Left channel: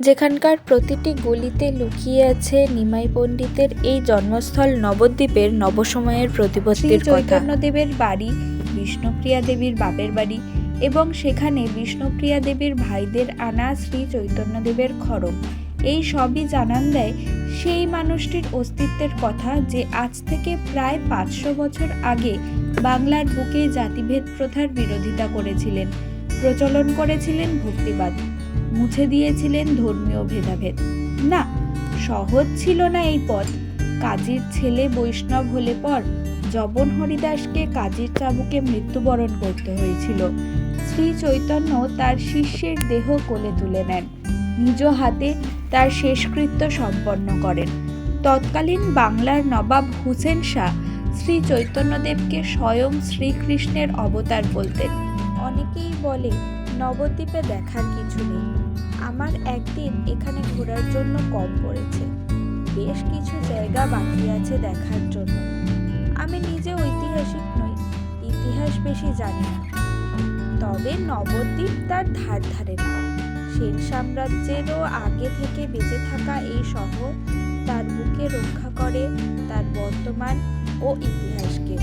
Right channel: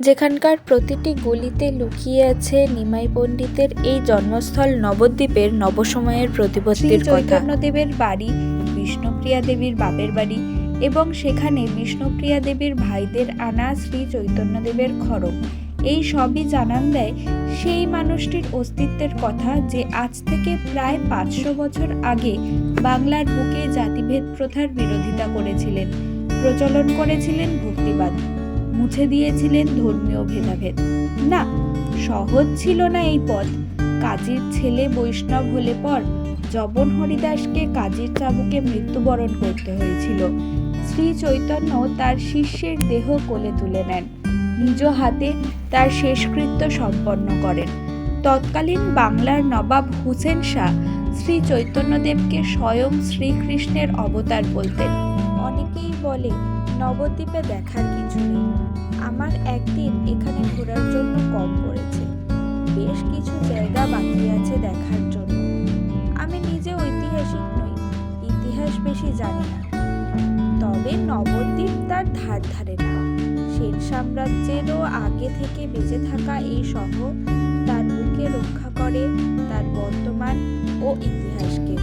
যেখানকার প্রতিটি গলিতে লুকিয়ে আছে নিমাই পণ্ডিতের এই জন্মস্থল নবদ্বীপের নবসময়ের প্রতিপত্তির কথা। চৈতন্যদেবের বাড়ি বিষ্ণুপ্রিয়া দেবীর বাপের বাড়ি এবং সেখানে বিষ্ণুপ্রিয়া দেবীর ভাইদের আনা শ্রী চৈতন্যদেবের খড়ম, এই সবই জানান দেয় সেই মানুষটির অস্তিত্বের কথা যে আজ থেকে প্রায় 500 বছর আগে বাংলার বুকে জাতিভেদ প্রথার বিরোধিতা করেছিলেন, প্রচলন করেছিলেন ভক্তিবাদ, মুছে দিয়েছিলেন ধর্মীয় ভেদাভেদ। না, সহজ ছিল না এই পথ। কাজীর ছেলে বৈষ্ণব হলে পর জবন হরিদাসকে কাজীর চাবুকে মৃত্যুবরণ করতে হয়েছিল। শ্রী চৈতন্য তার শিষ্যের দেহ কোলে তুলে নেন, নিজ হাতে তার শেষকৃত্য সম্পন্ন করেন। তৎকালীন বাংলার নবাব হুসেন শাহ শ্রী চৈতন্যদেবকে স্বয়ং শ্রীকৃষ্ণের অবতার বলতেন। অনেকেই বলে নবদ্বীপে দেখার কিছু নেই, আমার একদিন এখানে ঘোরার জন্য কম পড়েছে, বেশ কিছু জায়গা বাকি আছে দেখার জন্য। আমি নিজে ঐতিহাসিক নই, ইতিহাস বেশি জানি না, তবে নবদ্বীপ তার ধার ধারে না। সেন সাম্রাজ্যেরও আগে থেকে বেঁচে থাকা এই শহর তার বুকে রক্ষা করে তার বর্তমান ও ইতিহাসকে।